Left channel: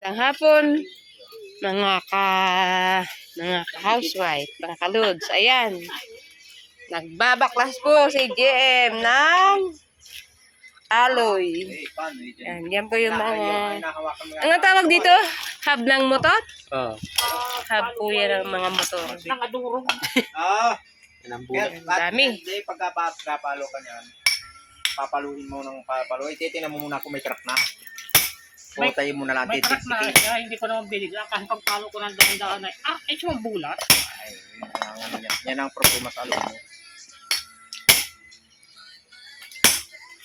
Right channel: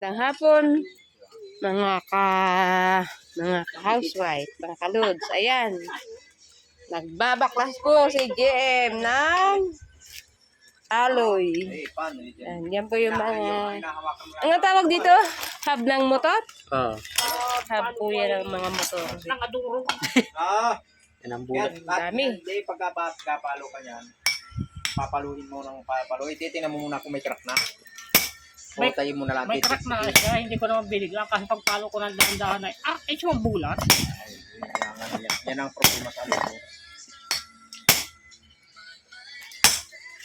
Tang hapon, mga ka mga ka-housewife, mga kaludes. Ayan. Nagbabaklas po si GM ng aloy. Yan, yan po yung mga... Ang tawag dito? Hub ng motor? Oo. Hub po yan ng mga motor. Ah, Yan ang bulat. Ang dami. Hindi, pagka pa- papalo ka niyan, papaluin mo ng papalo. Eh, titingnan mo muna kung may truck na. May- tayo mo na lang. May truck na kaya hindi ko naman binigla kasi pagpalo ko ng dahan-dahan ay ah, ay bulat. Ay, yun ang- Yan ang problema sa alam mo.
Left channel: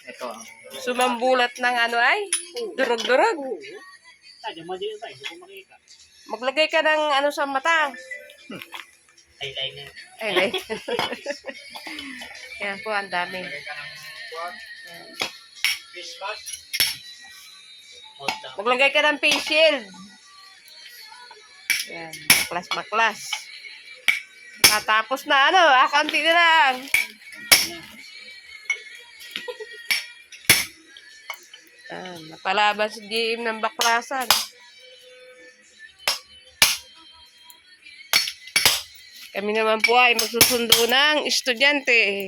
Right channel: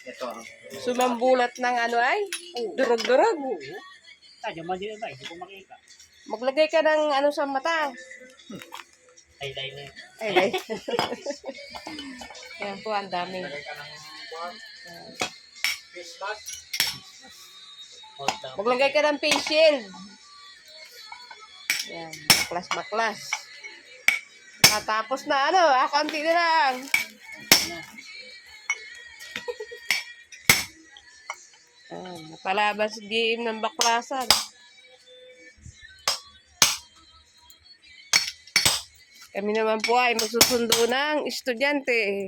Ito. ah. Sumambulat ng ano ay? Durog-durog. Oo. Sadya mali na hindi ko makita. Maglagay ka ng ano sa mata. Ay, ay, ay. Ay, ay. Yan po, ang dami. Lagay ka ng. Hold down. Maglagay ka ng face shield. Yan, maklas maklas. Natapos na ano, ah, konti na lang. Ah, napalaban si GM ng baklasan. Kami naman po ay magsusundo ng estudyante.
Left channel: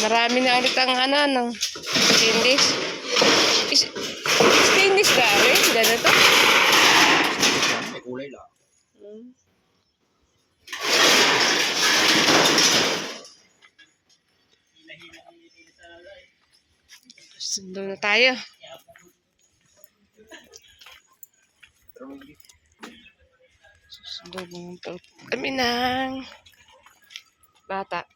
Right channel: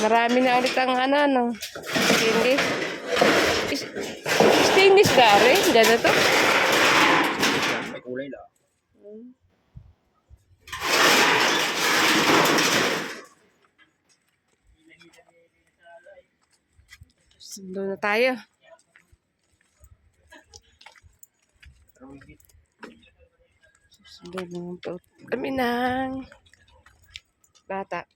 Marami na ulit ang ano, no, stainless. Is, stainless ka rin? Ganito? May kulay lang. Sundo na tayo. Sundo po kami ng bata.